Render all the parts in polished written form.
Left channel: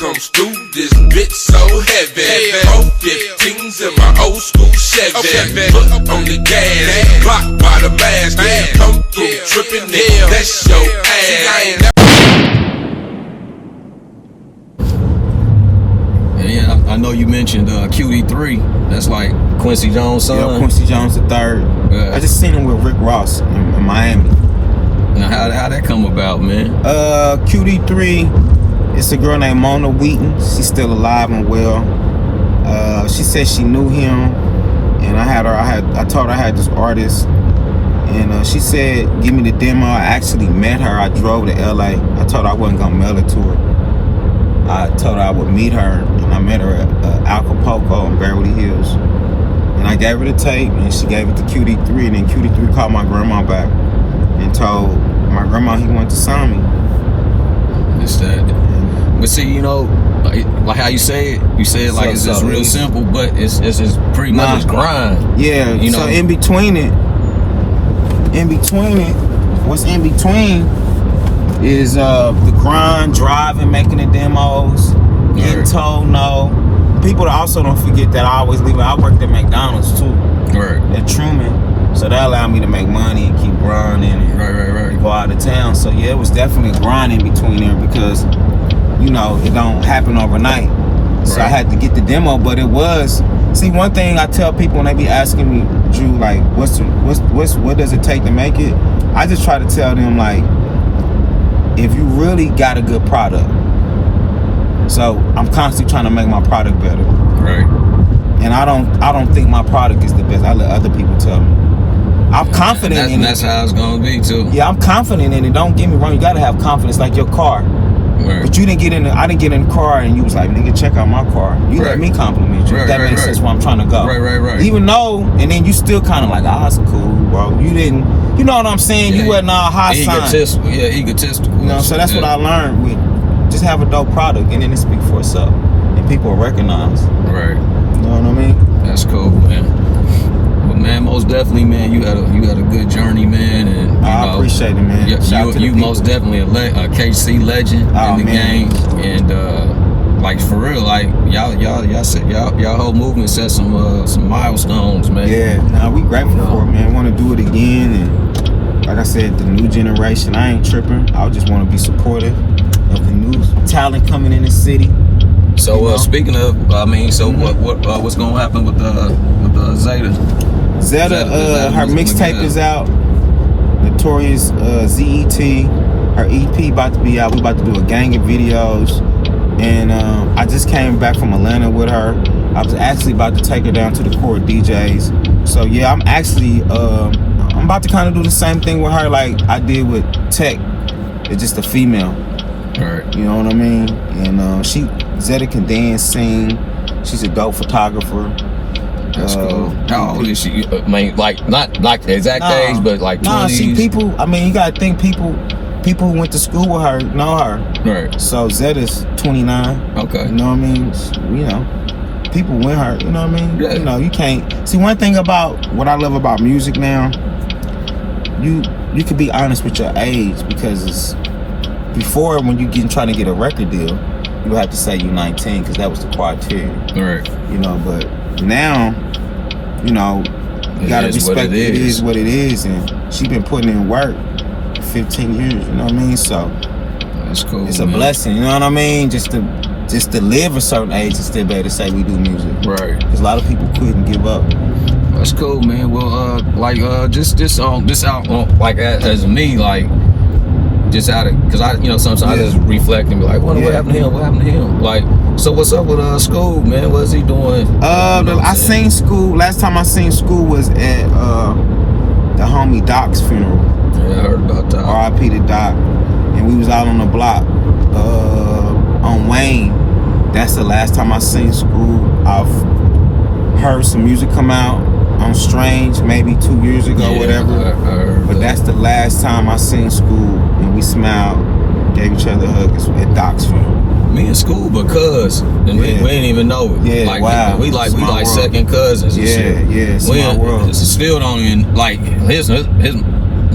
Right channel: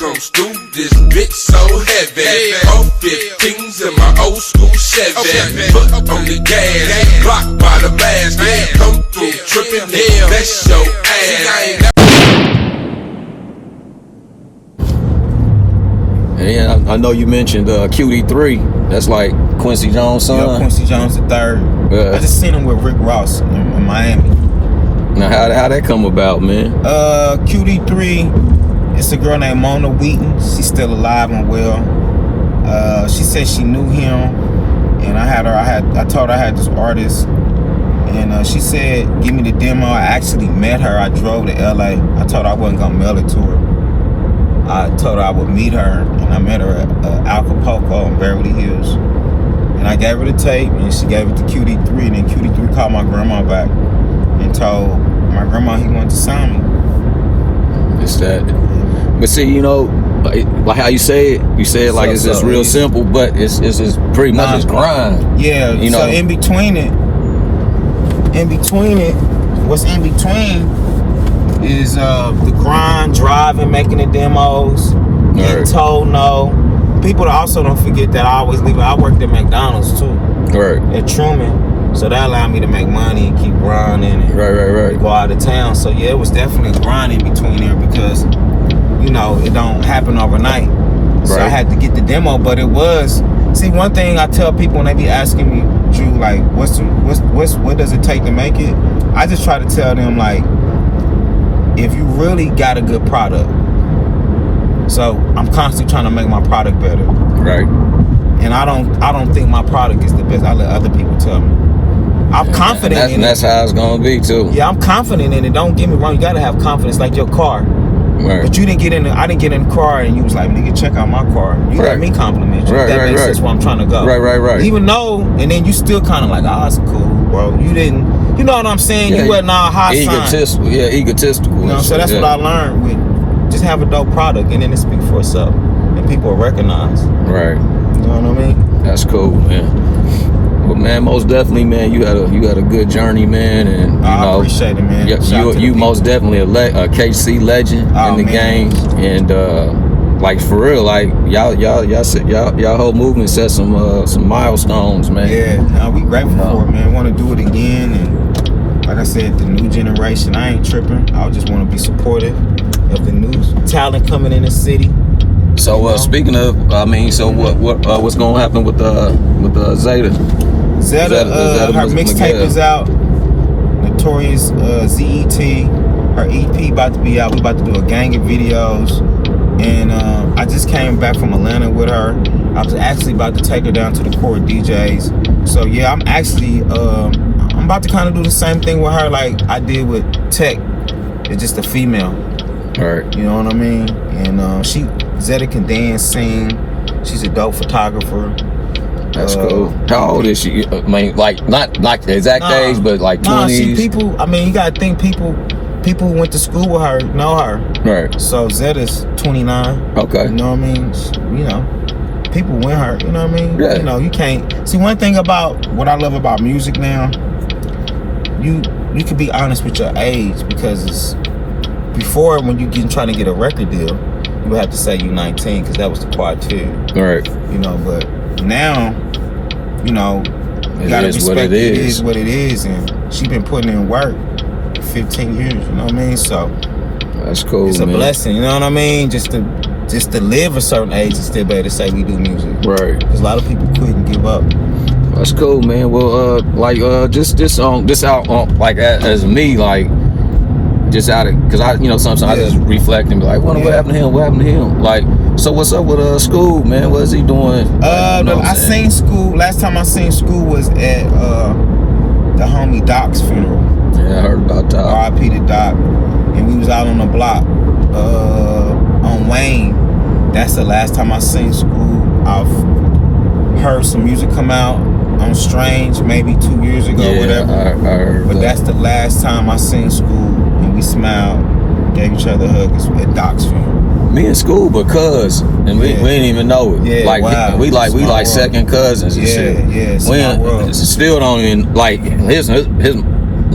comes through this bitch so heavy. 415s in my old school Chevy. Foot on the gas, blocked by the mask. Come through tripping, that's your ass. Yeah, I know you mentioned QD3. That's like Quincy Jones' son. Yeah, Quincy Jones III. I just seen him with Rick Ross in Miami. Now, how that come about, man? QD3, it's a girl named Mona Wheaton. She's still alive and well. She said she knew him, and I told her I had this artist, and she said, give me the demo. I actually met her. I drove to LA. I told her I wasn't gonna mail it to her. I told her I would meet her, and I met her at Acapulco in Beverly Hills. And I gave her the tape, and she gave it to QD3, and then QD3 called my grandma back and told my grandma he wanted to sign me. It's that. But see, you know, like how you say it like it's just real simple, but it's just pretty much just grind. Yeah, you know. So in between it, what's in between is the grind, driving, making the demos, getting told no. People also don't forget that I always leave. I worked at McDonald's too, at Truman, so that allowed me to make money and keep grinding and go out of town. So yeah, it was definitely grinding between there because, you know, it don't happen overnight. So I had to get the demo, but it was. See, one thing I tell people when they be asking me, Drew, like, what does it take to make it? I just try to tell them, like, if you really got a good product. So I'm constantly trying to make my product better. Right. And I don't think my product is the best. I let other people tell me. I'm confident in it. And that's how it's gonna be too. Yeah, I'm confident in it. Don't get me wrong, you gotta have confidence like your car. Right. But you didn't get in I didn't get in the car and you was like, nigga, check out my car. You let me compliment you. That makes sense where I'm trying to go. Right. Even though, and then you still kinda like, oh, that's cool, bro. You didn't, you know what I'm saying? You wasn't all high sign. Egotistical. You know, so that's what I learned with just have a dope product and then it speak for itself. And people will recognize. Right. You know what I mean? That's cool, man. But man, most definitely, man, you had a good journey, man, and you I appreciate it, man. You most definitely a KC legend in the game, and like for real, like y'all whole movement set some milestones, man. Yeah, we grateful for it, man. Want to do it again, and like I said, the new generation, I ain't tripping. I just want to be supportive of the new talent coming in the city. So speaking of, I mean, so what's gonna happen with Zeta? Zeta, her mixtape is out. Notorious ZET. Her EP about to be out. We about to do a gang of videos. And I just came back from Atlanta with her. I was actually about to take her down to the core DJs. So yeah, I'm actually I'm about to kind of do the same thing with her like I did with Tech. It's just a female. Right. You know what I mean? And Zeta can dance, sing. She's a dope photographer. That's cool. How old is she? I mean, like not like the exact age, but like 20s. People. I mean, you gotta think people who went to school with her know her. Right. So Zeta's 29. Okay. You know what I mean? You know, people with her. You know what I mean? Yeah. You know, you can't see one thing about what I love about music now. You can be honest with your age because before when you trying to get a record deal, you have to say you're 19 because that was the criteria. Right. You know, but now, you know, you gotta respect it is what it is, and she been putting in work for 15 years. You know what I mean? So that's cool. It's a blessing. You know what I mean? Just to live a certain age and still be able to say we do music. Right. Because a lot of people couldn't give up. That's cool, man. Well, just out on like as me, like. Just out of, cause I, you know, sometimes I just reflect and be like, what happened to him? What happened to him? Like, so what's up with School, man? What's he doing? I seen School. Last time I seen School was at the homie Doc's funeral. Yeah, I heard about Doc. R.I.P. to Doc. And we was out on the block on Wayne. That's the last time I seen School. I've heard some music come out on Strange maybe 2 years ago, whatever. I heard but that's the last time I seen School. We smiled, gave each other hugs at Doc's funeral. Me and School, because and we didn't even know it. Yeah, like wow. we like second cousins and shit. Yeah, small world. Still don't even like his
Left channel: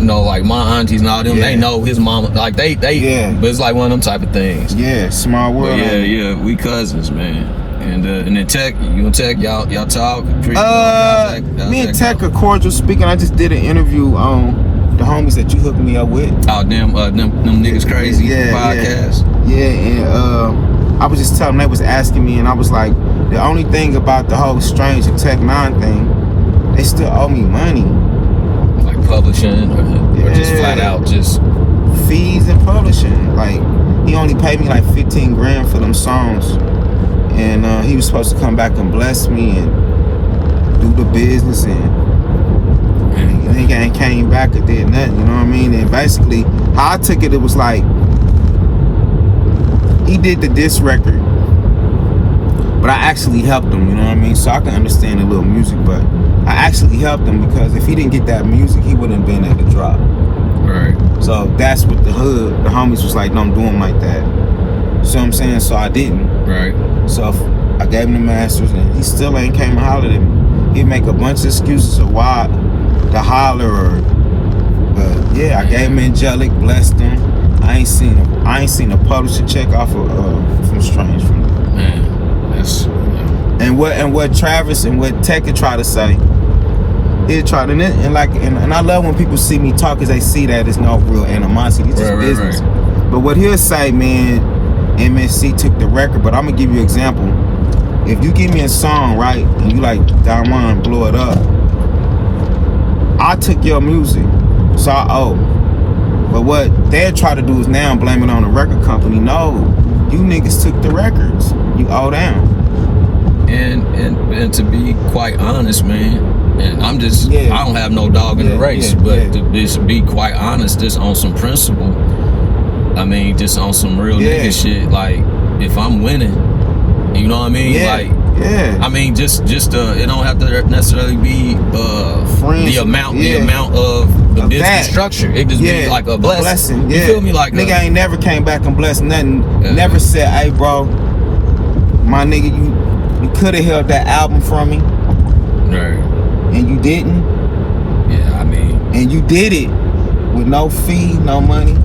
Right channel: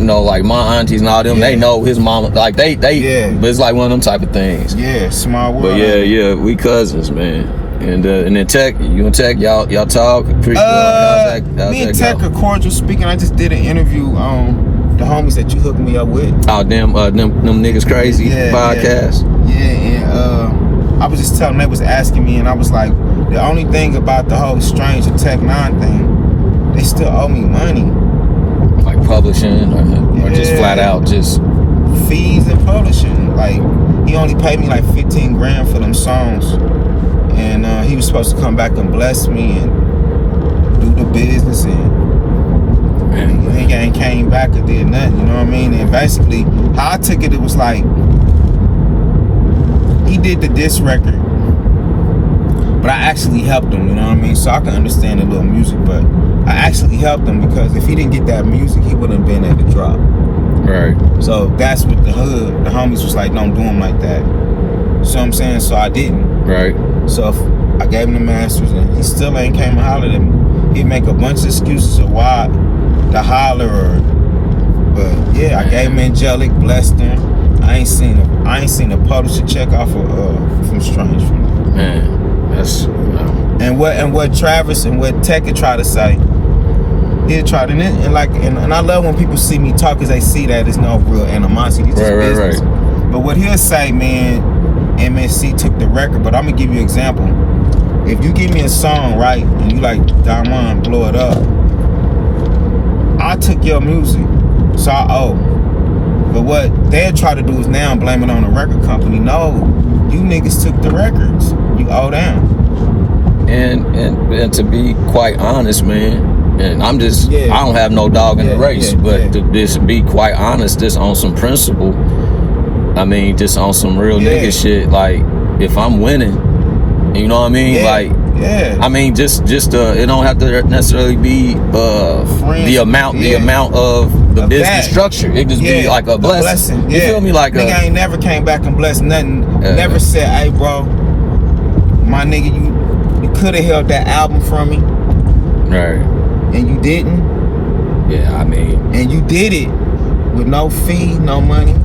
you know, like my aunties and all them, they know his mama. Like they, but it's like one of them type of things. Yeah, small world. But yeah, we cousins, man. And then Tech, you and Tech, y'all talk. Me and Tech are cordial speaking. I just did an interview on the homies that you hooked me up with. Oh, them niggas crazy podcast. Yeah, and I was just telling them, they was asking me, and I was like, the only thing about the whole Strange and Tech 9 thing, they still owe me money. Like publishing or just flat out just fees and publishing. Like, he only paid me like 15 grand for them songs. And he was supposed to come back and bless me and do the business, and he ain't came back or did nothing, you know what I mean? And basically, how I took it, it was like, he did the diss record, but I actually helped him, you know what I mean? So I can understand a little music, but I actually helped him because if he didn't get that music, he wouldn't have been at the drop. Right. So that's what the homies was like, don't do him like that. So I'm saying, so I didn't. Right. So I gave him the masters, and he still ain't came and hollered at me. He'd make a bunch of excuses of why to holler, but yeah, I gave him Angelic, blessed him. I ain't seen a publisher check off of from Strange from that. Man, that's and what Travis and what Tech could try to say. He'll try to and I love when people see me talk, because they see that there's no real animosity. It's just business. Right. But what he'll say, man, MSC took the record, but I'm gonna give you an example. If you give me a song, right, and you like Diamond, blow it up, I took your music, so I owe. But what they'll try to do is now blame it on the record company. No, you niggas took the records. You owe them. And to be quite honest, man, and I'm just, I don't have no dog in the race, but to just be quite honest, just on some principle, I mean, just on some real nigga shit, like, if I'm winning, you know what I mean? Like, I mean, just it don't have to necessarily be the amount of the business structure. It just be like a blessing. You feel me? Like nigga ain't never came back and blessed nothing. Never said, hey, bro, my nigga, you could have held that album from me. Right. And you didn't. Yeah, I mean. And you did it with no fee, no money.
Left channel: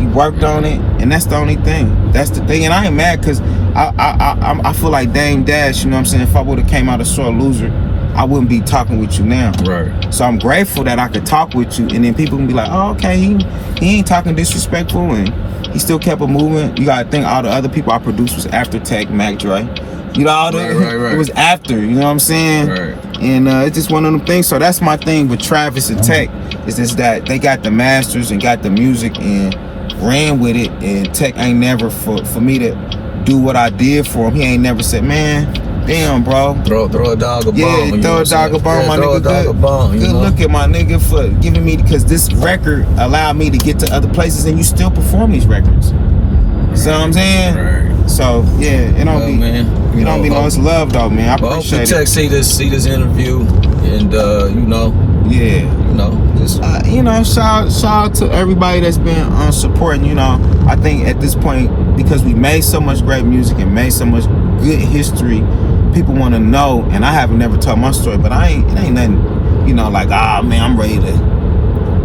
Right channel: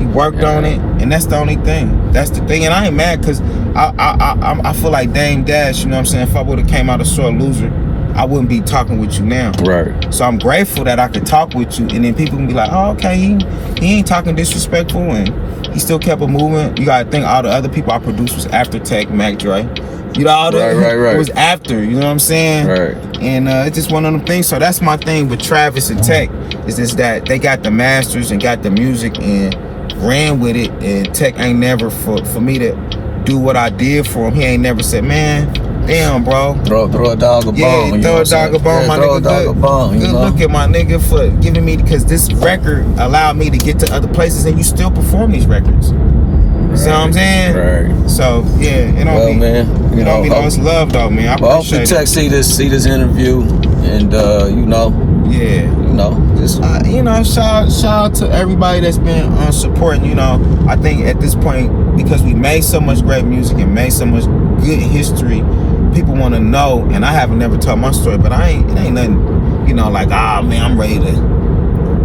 You worked on it, and that's the only thing. That's the thing, and I ain't mad, because I feel like Dame Dash, you know what I'm saying? If I would have came out a sore loser, I wouldn't be talking with you now. Right. So I'm grateful that I could talk with you, and then people can be like, oh, okay, he ain't talking disrespectful, and he still kept it moving. You gotta think all the other people I produced was after Tech, Mac Dre. You know, all the, it was after, you know what I'm saying? Right. And it's just one of them things. So that's my thing with Travis and Tech, is just that they got the masters and got the music and ran with it, and Tech ain't never, for me to do what I did for him, he ain't never said, man, damn, bro. Throw a dog a bone. Yeah, throw a dog a bone, my nigga. Throw a dog a bone. Good look at my nigga for giving me, because this record allowed me to get to other places, and you still perform these records. You see what I'm saying? Right. So yeah, it don't be lost love though, man. I appreciate it. Tech see this interview, and shout out to everybody that's been supporting. You know, I think at this point, because we made so much great music and made so much good history, people want to know. And I haven't never told my story, but it ain't nothing, you know, like, man, I'm ready to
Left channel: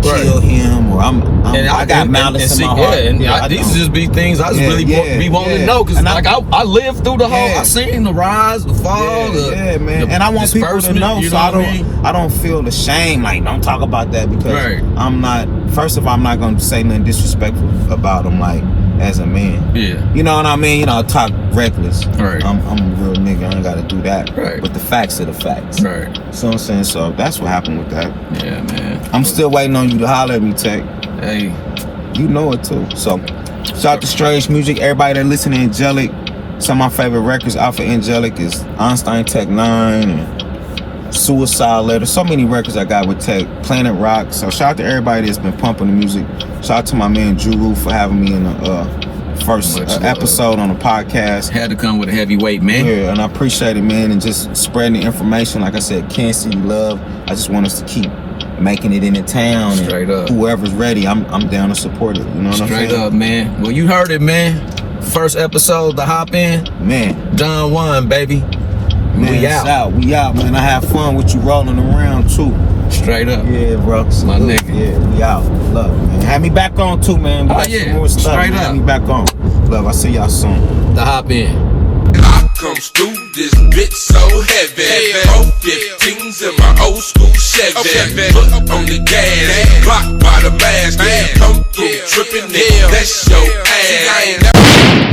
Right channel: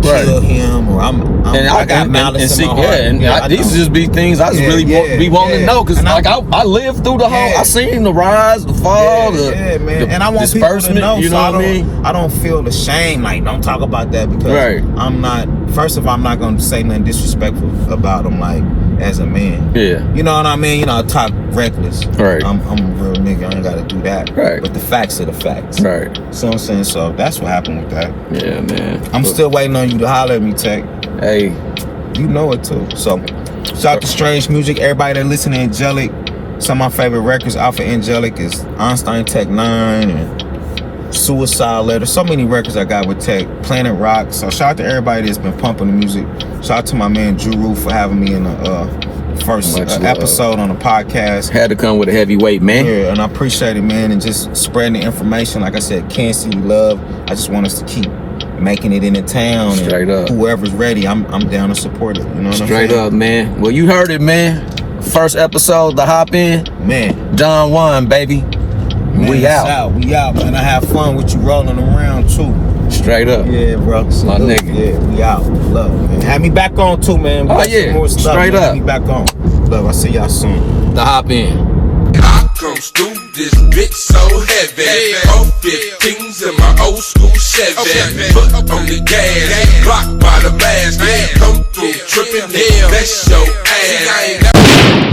kill him, or I got malice in my heart. These just be things I just really be wanting to know, because like I lived through the whole, I seen the rise, the fall, the and I want people to know, you know what I mean? I don't feel the shame, like, don't talk about that, because I'm not, first of all, I'm not going to say nothing disrespectful about him, like, as a man. Yeah. You know what I mean? You know, I talk reckless. Right. I'm a real nigga, I ain't got to do that. Right. But the facts are the facts. Right. So I'm saying, so that's what happened with that. Yeah, man. I'm still waiting on you to holler at me, Tech. Hey. You know it too. So, shout out to Strange Music, everybody that listen to Angelic. Some of my favorite records out for Angelic is Einstein Tech 9 and Suicide Letter. So many records I got with Tech. Planet Rock. So shout out to everybody that's been pumping the music. Shout out to my man JuJu for having me in the first episode on the podcast. Had to come with a heavyweight, man. Yeah, and I appreciate it, man, and just spreading the information. Like I said, can't see you love. I just want us to keep making it in the town. Straight up. Whoever's ready, I'm down to support it. You know what I'm saying? Straight up, man. Well, you heard it, man. First episode, the Hop In. Man. Juan, baby. We it's out. We out, man. I have fun with you rolling around too. Straight up. Yeah, bro. My nigga. Yeah, we out. Love, man. Have me back on too, man. Oh, yeah. More stuff, Straight man. up. Have me back on. Love, I see y'all soon. The hop in. I comes through this bitch so heavy. 415s in my old school Chevy. Foot on the gas, blocked by the mask. Come through tripping, that's your ass.